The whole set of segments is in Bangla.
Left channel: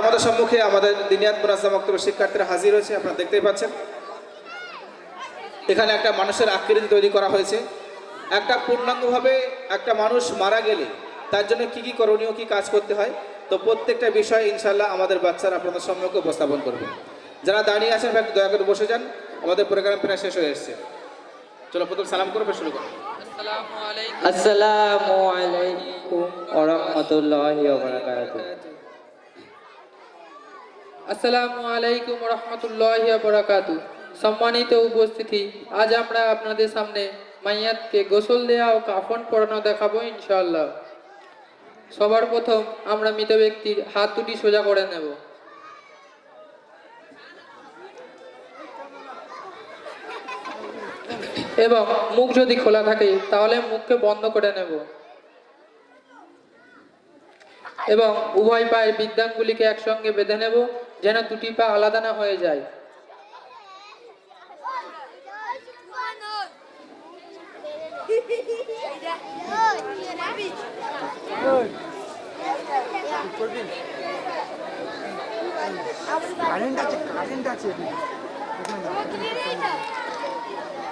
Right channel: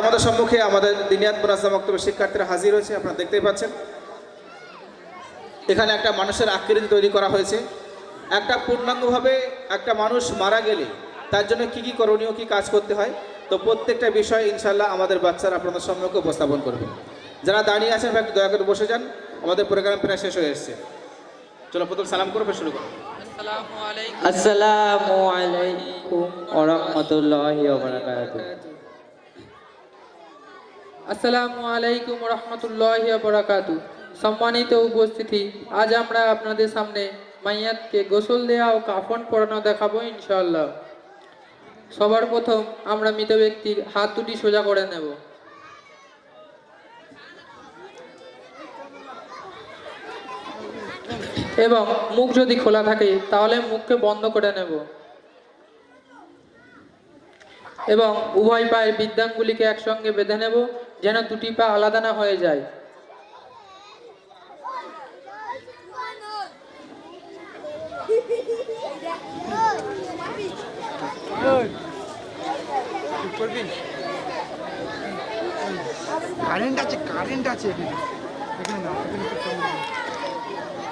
আমাদের সম্মুখে আমাদের দিনিয়াত মুনাজ্জাম বক্তব্য শিক্ষার্থীরা হাজির হয়েছে আপনারা দেখতেই পাচ্ছেন। এখানে একটা মানুষের আকৃতি তৈরি করা হয়েছে। একটা পূর্ণাঙ্গভাবে একটা মানুষ মারা গেলে তার জন্য কি কি করণীয় কি কাজ করতে হয় তো প্রত্যেকটা বিষয় ইনশাল্লাহ আমাদের বাচ্চারা আপনাদের সম্মুখে উপস্থাপন করবে। যারা দাঁড়িয়ে আছেন একটু দয়া করে বসে যান আমাদের প্রোগ্রাম প্রায় শেষ হয়ে এসেছে। চলো প্রথম সালাম করবে শুরু করো। আসসালামু আলাইকুম। ওরহমতুল্লাহি ওবারাকাতুহু আসসালামু আলাইকুম রহমতুল্লাহ বরাকাতু। সম্মানিত উপস্থিতি, আজ আমরা আপনাদের সামনে মাইয়াতকে গোসল দেওয়া ও কাফন পরানো দেখাবো ইনশাল্লাহ সবার প্রথম আমরা মৃত ব্যক্তির হাত দুটি সোজা করে নেব। এবং মুখ যদি খোলা থাকে, তাহলে মুখকে বন্ধ করে নেব। এবং উভয় পায়ের বিদ্যাঙ্গুলিকে একসঙ্গে বেঁধে নেব। যেন দুটি পা আলাদা না হয়ে যায়।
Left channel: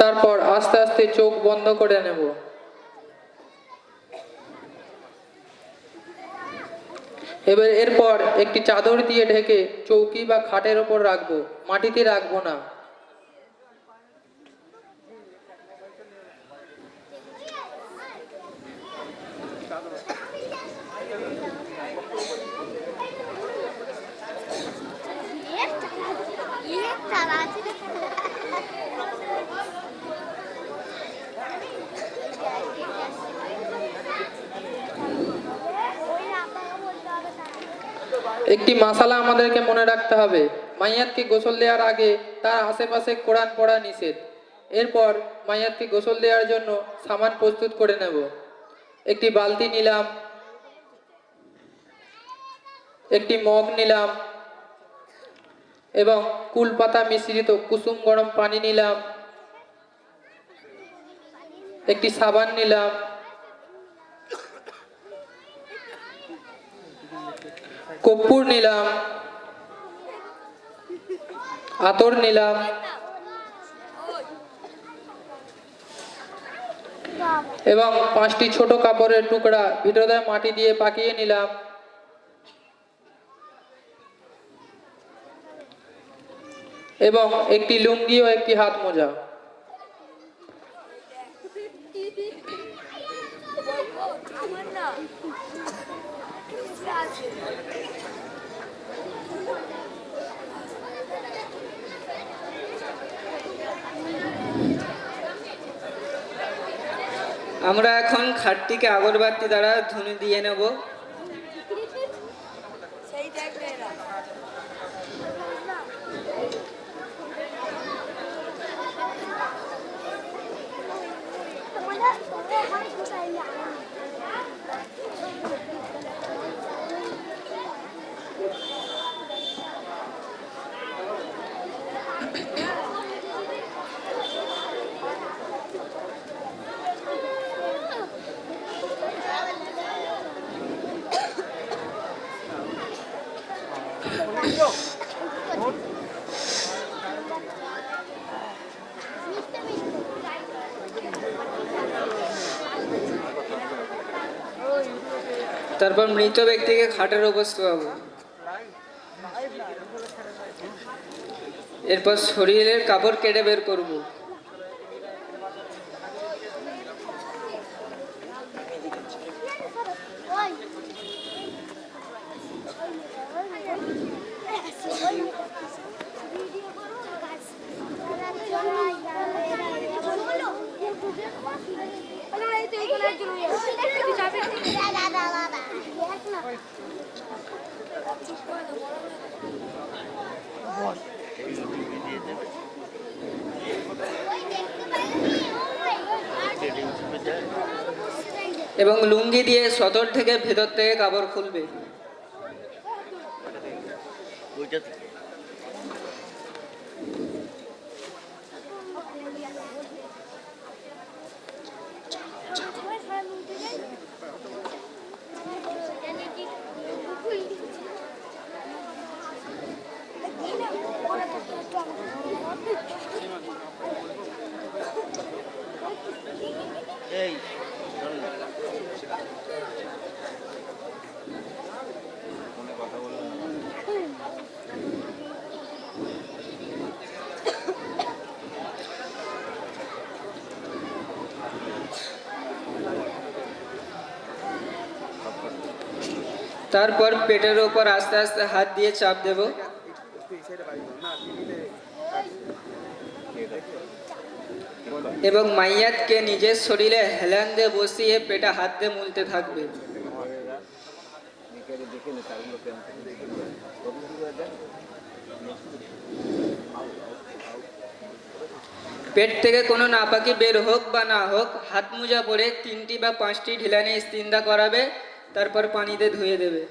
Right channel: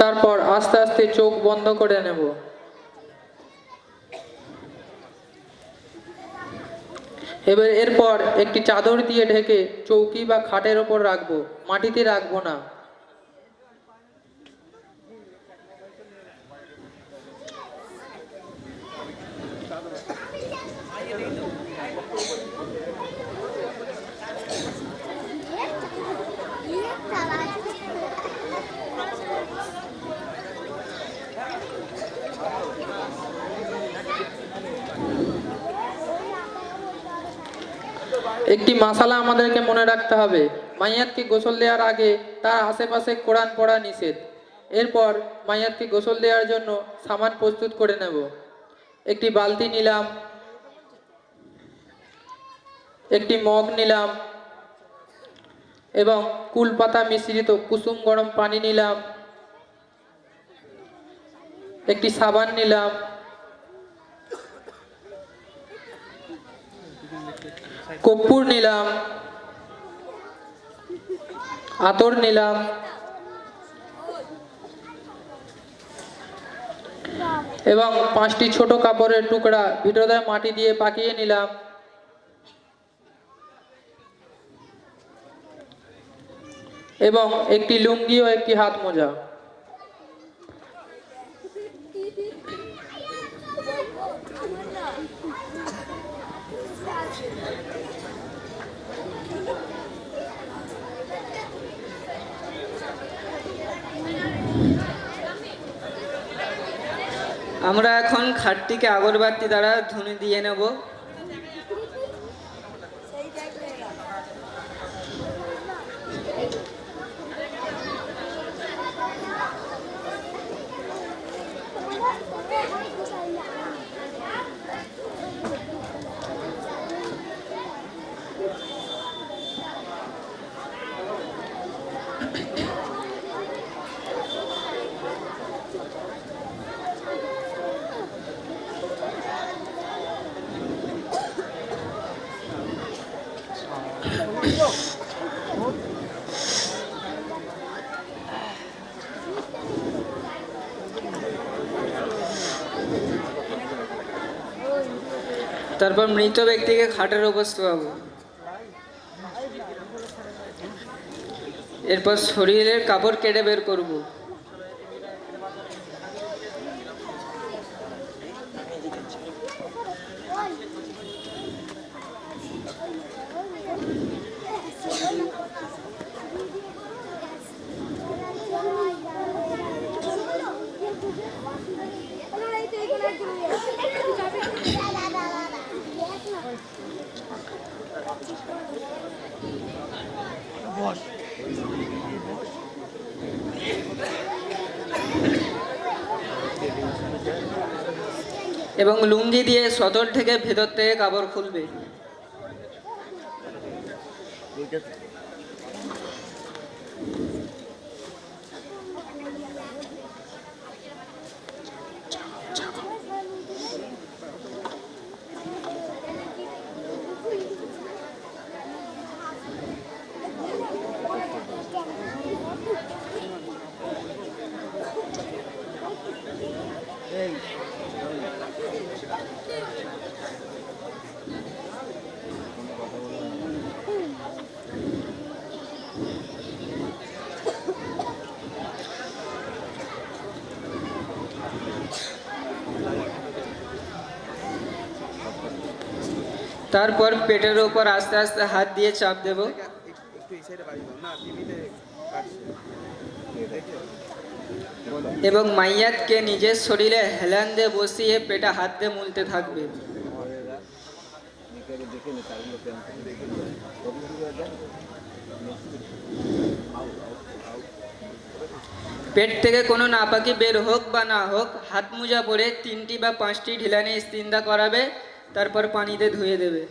তারপর আস্তে আস্তে চোখ বন্ধ করে নেব এবার এরপর একটি চাদর দিয়ে ঢেকে চৌকি বা খাটের ওপর রাখব মাটিতে রাখব না। একটি মাসালা আমাদেরকে মনে রাখতে হবে। মাইয়াতকে গোসল দেওয়ার আগে তার আশেপাশে কোরআন পড়া নিষেধ। এরপর মাইয়াতকে গোসল দেওয়ার জন্য সামান প্রস্তুত করে নেব। একটি বালতি নিলাম। একটি মগ নিলাম। এবং কুলপাতা মিশ্রিত কুসুম গরম পানি নিলাম। একটি সাবান নিলাম। কর্পূর নিলাম, আতর নিলাম। এবং পাঁচটি ছোট কাপড়ের টুকরা ভিতরে মাটি দিয়ে পাকিয়ে নিলাম। এবং একটি লুঙ্গি ও একটি হাত মোজা। আমরা এখন খাটটিকে আগরবাতি দ্বারা ধুনি দিয়ে নেব। তারপর মৃত ব্যক্তিকে খাটের উপর শোয়াবো এরপর শরীরের কাপড় কেটে বের করব। এবং লুঙ্গি দিয়ে সদর থেকে ভেতর থেকে কাপড় খুলবে। তারপর পেটের ওপর আস্তে আস্তে হাত দিয়ে চাপ দেব। এবং মাইয়াতকে নিজের শরীরে হেলান দিয়ে বসিয়ে পেটে হাত দিয়ে মুলতে থাকবে। পেট থেকে কোনো নাপাকি বের হোক বা না হোক, হাত মোজা পরে তিনটি বা পাঁচটি ঢিলানি ইস্তিন্দা করাবে। তারপর পানিতে ধুয়ে দেবে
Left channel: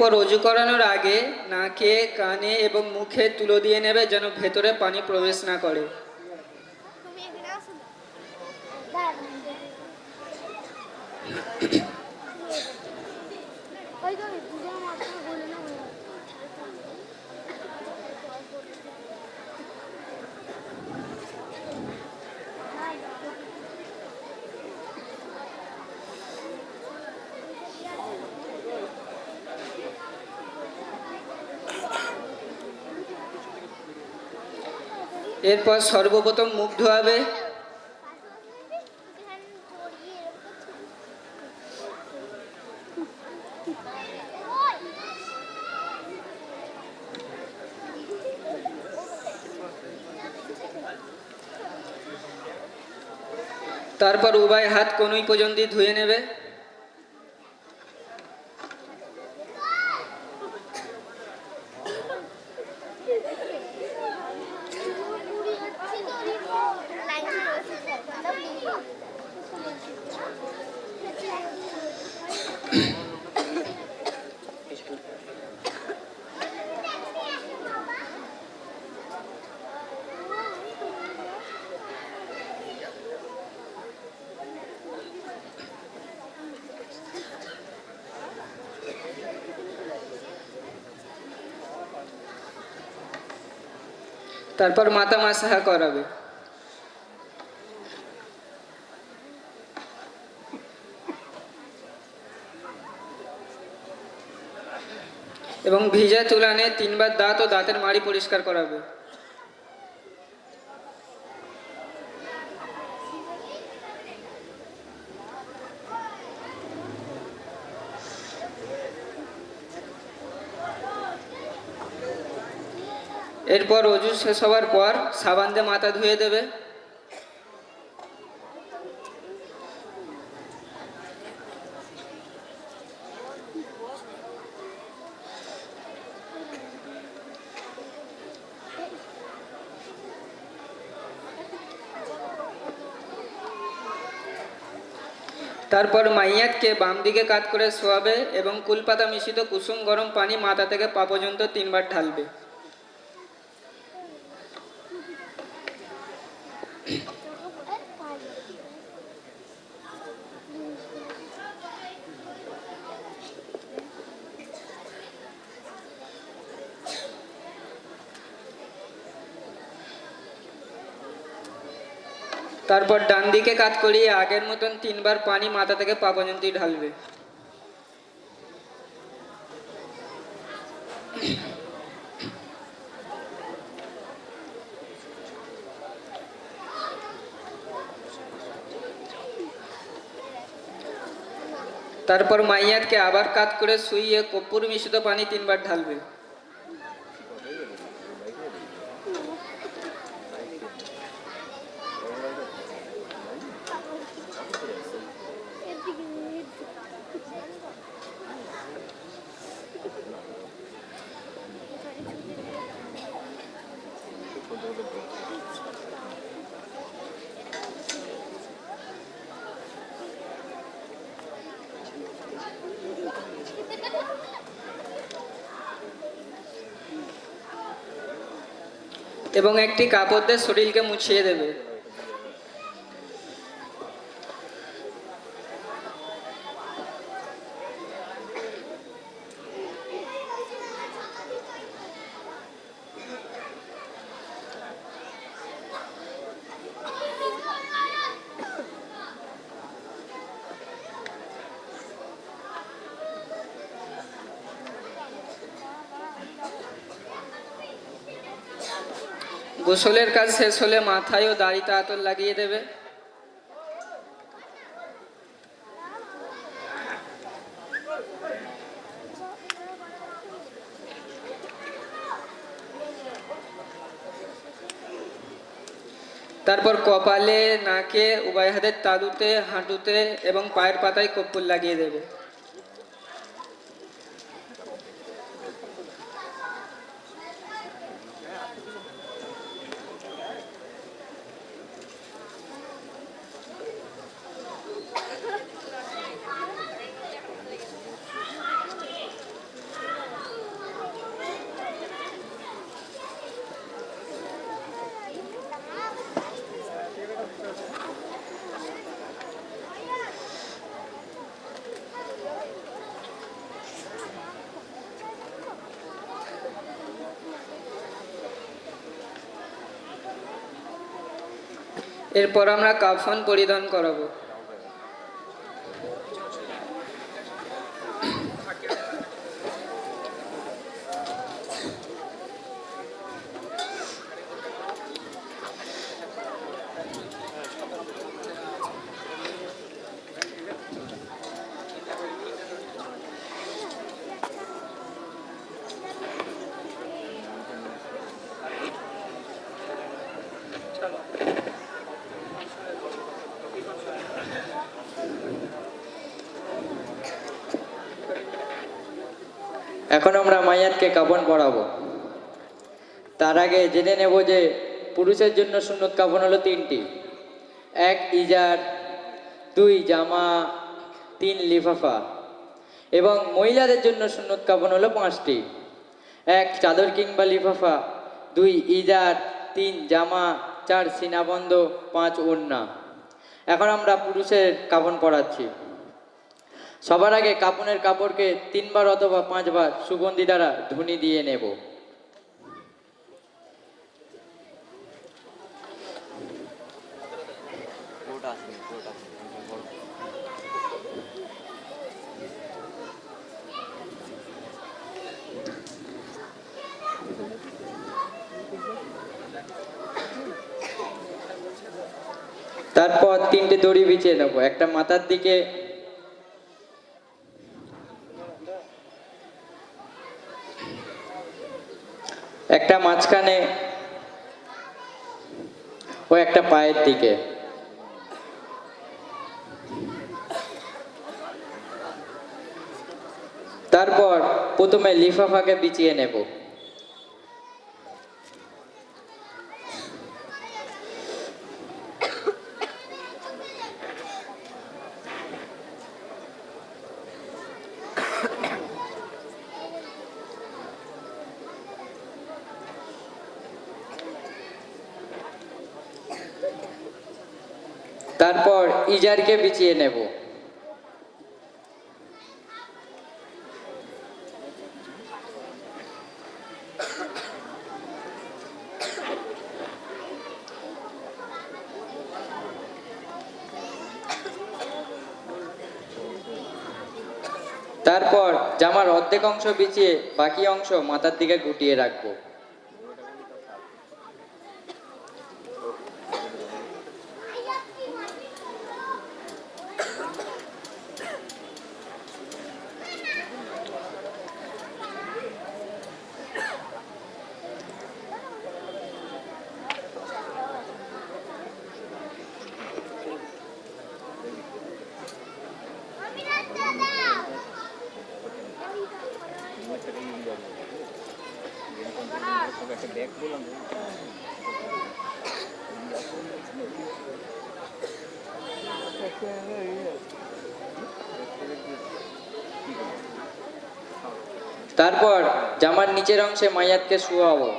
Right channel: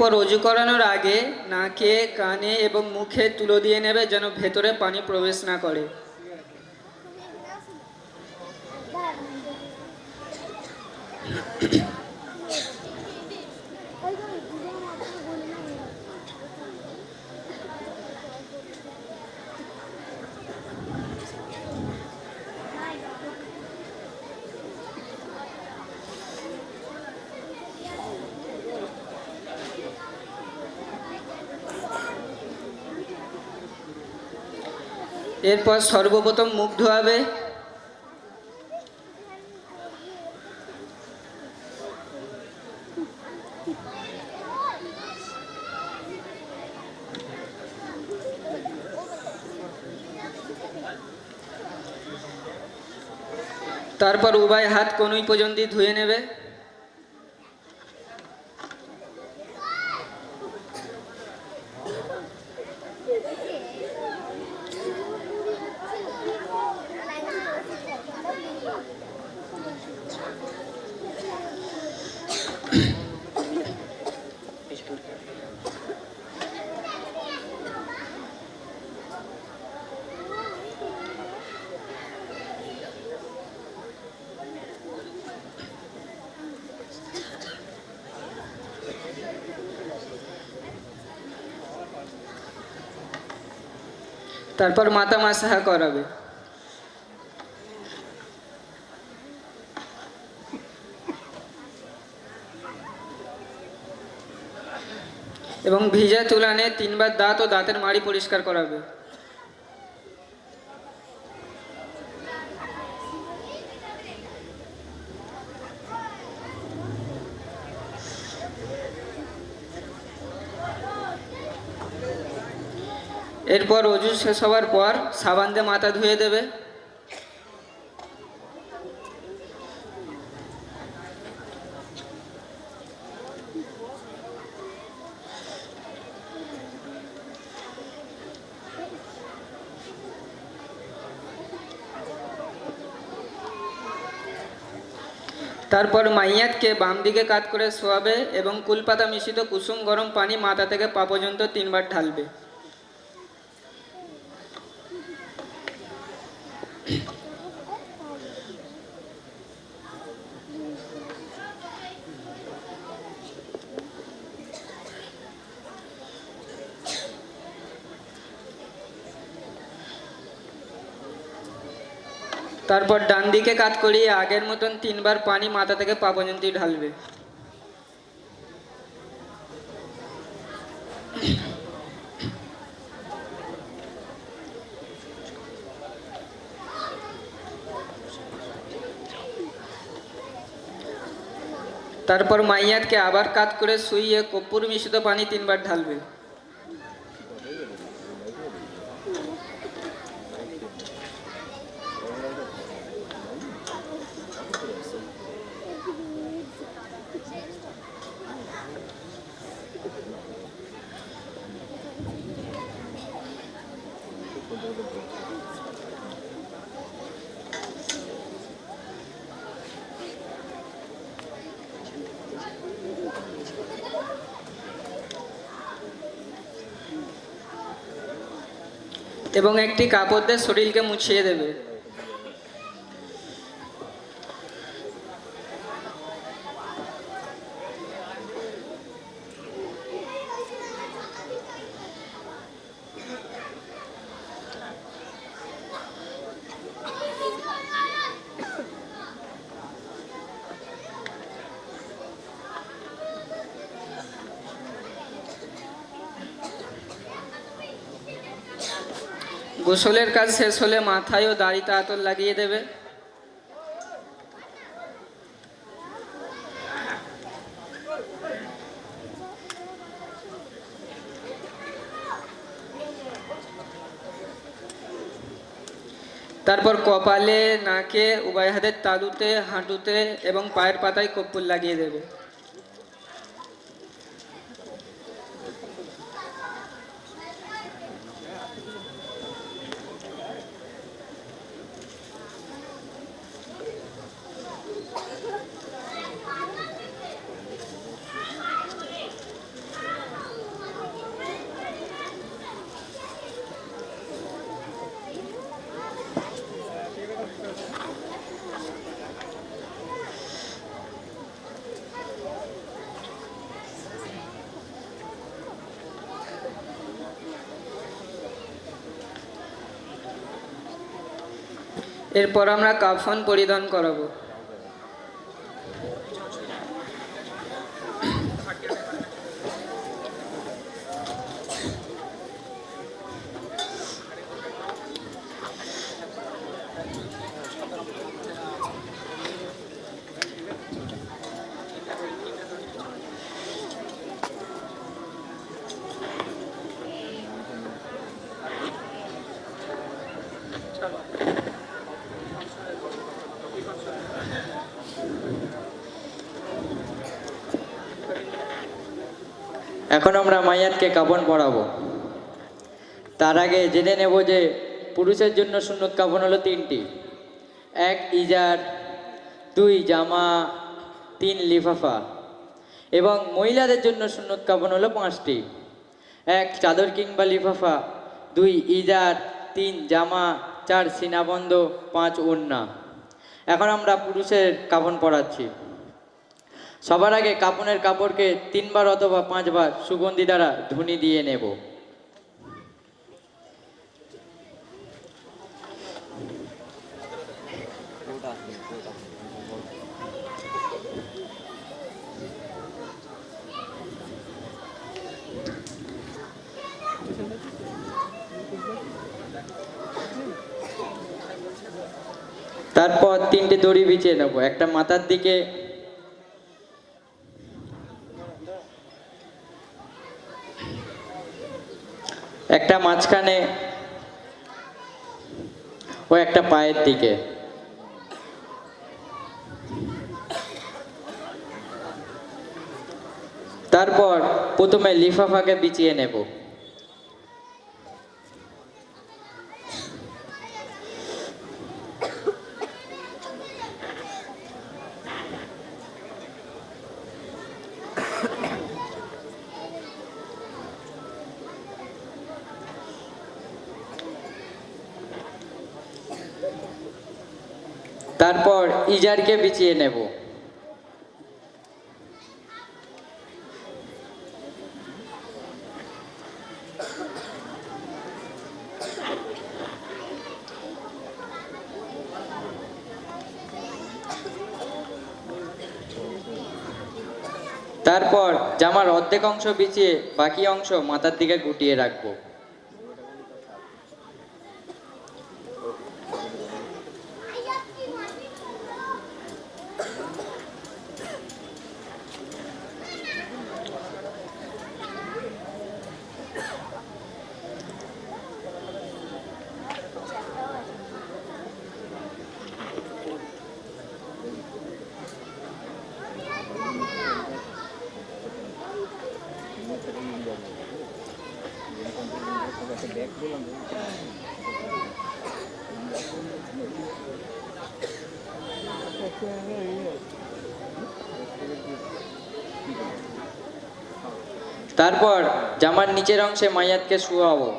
এরপর অজু করানোর আগে নাকে, কানে এবং মুখে তুলো দিয়ে নেবে যেন ভেতরে পানি প্রবেশ না করে। Thank এখানে এরপর সর্বপ্রথম মুখ ধোয়াবে। তারপর উভয় হাত কনুই পর্যন্ত ধুয়ে নেবে। তারপর মাথা মাসাহা করাবে। এবং ভিজা তুলানে তিনবার দাঁত ও দাঁতের মাড়ি পরিষ্কার করাবে। এরপর অজু শেষ হওয়ার পর সাবান দিয়ে মাথা ধুয়ে দেবে। তারপর মাইয়াতকে বাম দিকে কাত করে শোয়াবে এবং কুলপাতা মিশ্রিত কুসুম গরম পানি মাথা থেকে পা পর্যন্ত তিনবার ঢালবে। তারপর ডান দিকে কাত করিয়ে আগের মতন তিনবার পানি মাথা থেকে পা পর্যন্ত ঢালবে। তারপর মাইয়াতকে আবার কাত করে শুইয়ে কর্পূর মিশ্রিত পানি তিনবার ঢালবে। এবং একটি কাপড় দিয়ে শরীরকে মুছিয়ে দেবে। গোসলের কাজ শেষ হলে মাথায় ও দাড়িতে আতর লাগিয়ে দেবে। তারপর কপালে, নাকে, উভয় হাতের তালুতে, হাঁটুতে এবং পায়ের পাতায় কর্পূর লাগিয়ে দেবে। এরপর আমরা কাফন পরিধান করাবো। এখন আমরা মাইয়াতকে কাপন পরাবো তার আগে জেনে নেব যে পুরুষের জন্য সুন্নত কাপন হলো তিনটি। এক ইজার, দুই জামা, তিন লিফাফা। এবং মহিলাদের জন্য সুন্নত কাপন হলো পাঁচটি। এক চাদর কিংবা লিফাফা, দুই ইজার, তিন জামা, চার সিনাবন্ধ, পাঁচ ওড়না। এখন আমরা পুরুষের কাপন পরাচ্ছি সবার আগে কাপনের কাপড়কে তিনবার অথবা পাঁচবার সুগন্ধি দ্বারা ধুনি দিয়ে নেব। তারপর তিনটে দড়ি বিছিয়ে নেব। একটা মাথার দিকে একটা মাঝখানে ও একটা পায়ের দিকে। তারপর প্রথমে লিফাফাকে বিছিয়ে নেব তারপর ইজারকে বিছিয়ে নেব। তারপর জামার অর্ধেক অংশ বিছিয়ে বাকি অংশ মাথার দিকে গুটিয়ে রাখব। তারপর জামার নিচের অংশে মাইয়াতকে শুয়াবো।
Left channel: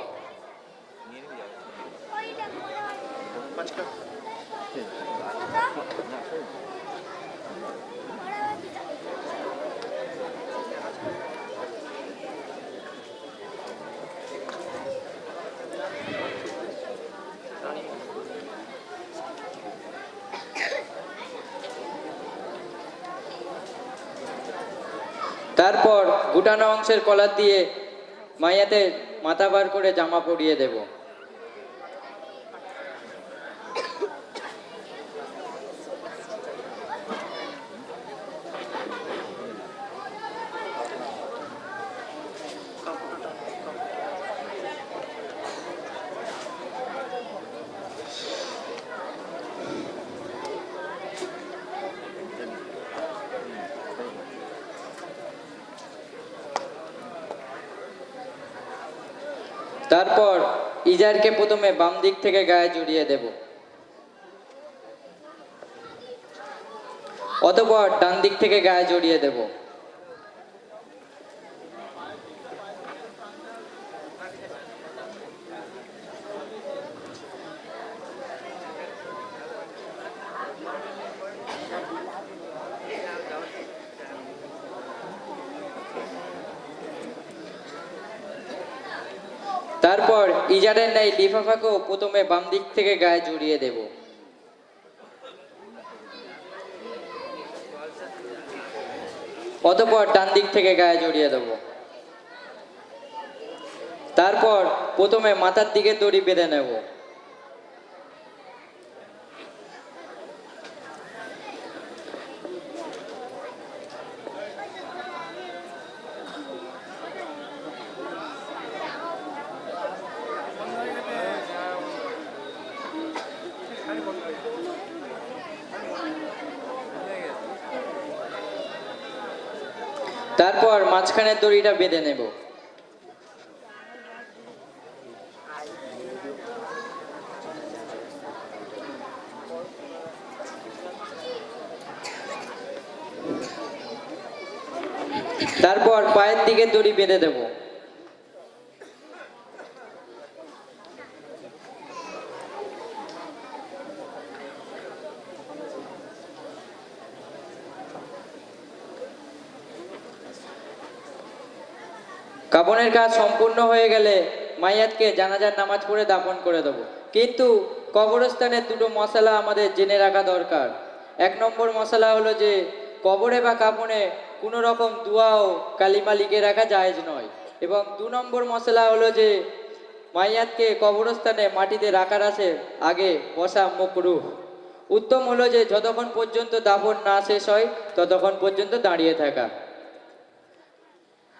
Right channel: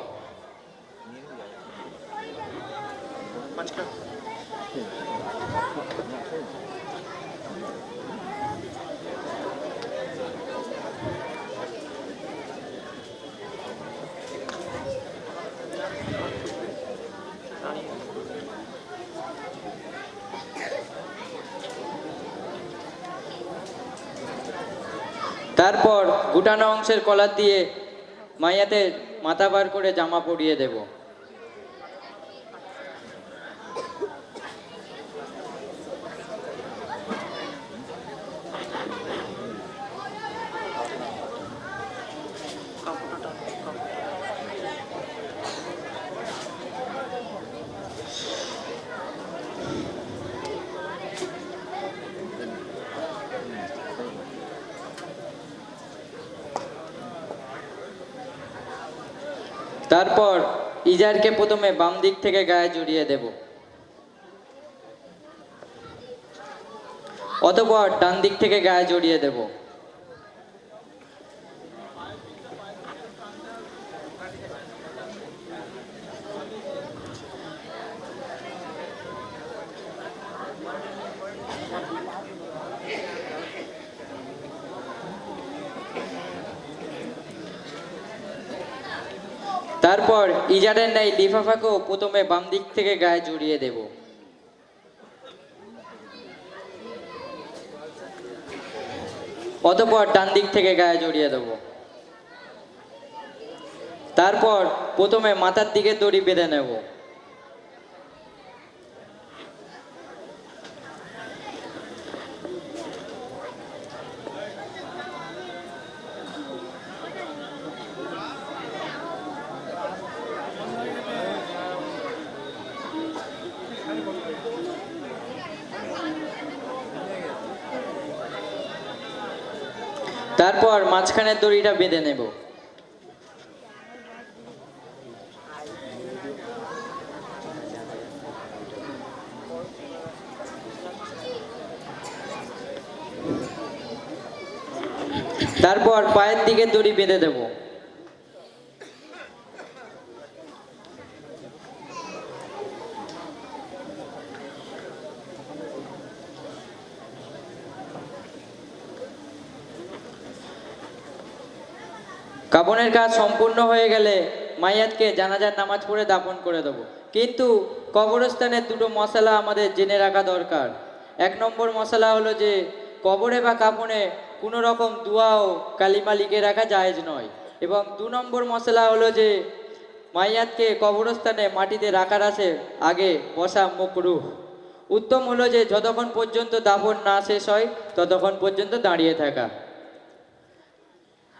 তারপর গুটানো অংশের কলার দিয়ে মাইয়াতে মাথা বার করে জামা পরিয়ে দেব। তারপর ইজারকে প্রথমে বাম দিক থেকে গায়ে জড়িয়ে দেব। অতপর ডান দিক থেকে গায়ে জড়িয়ে দেব। তারপর নাই ন্যায় লিফাফাকেও প্রথমে বাম দিক থেকে গায়ে জড়িয়ে দেব। অতপর ডান দিক থেকে গায়ে জড়িয়ে দেব। তারপর প্রথমে মাথার দিকে দড়ি বেঁধে নেব। তারপর মাঝখানের দড়িটা বেঁধে নেব। তারপর পায়ের দিকে দড়ি বেঁধে দেব কাপনের কাজ সম্পূর্ণ হয়ে গেলে মাইয়াতকে জানাজার নামাজ পড়ে দাপন করে দেব। কিন্তু কবরস্থানের দুটো মশলা আমাদের জেনে রাখা দরকার। এক নম্বর মশলা হলো যে, কবরে বা কাপনে কোনো রকম দুয়া ও কালিমা লিখে রাখা জায়েজ নয়। এবং দু নম্বর মশলা হলো যে, মাইয়াতকে কবরস্থানে মাটিতে রাখার আছে আগে বসা মকরুহ উত্তম হলো যে, যতক্ষণ পর্যন্ত দাফন না শেষ হয়, ততক্ষণ পর্যন্ত দাঁড়িয়ে থাকা।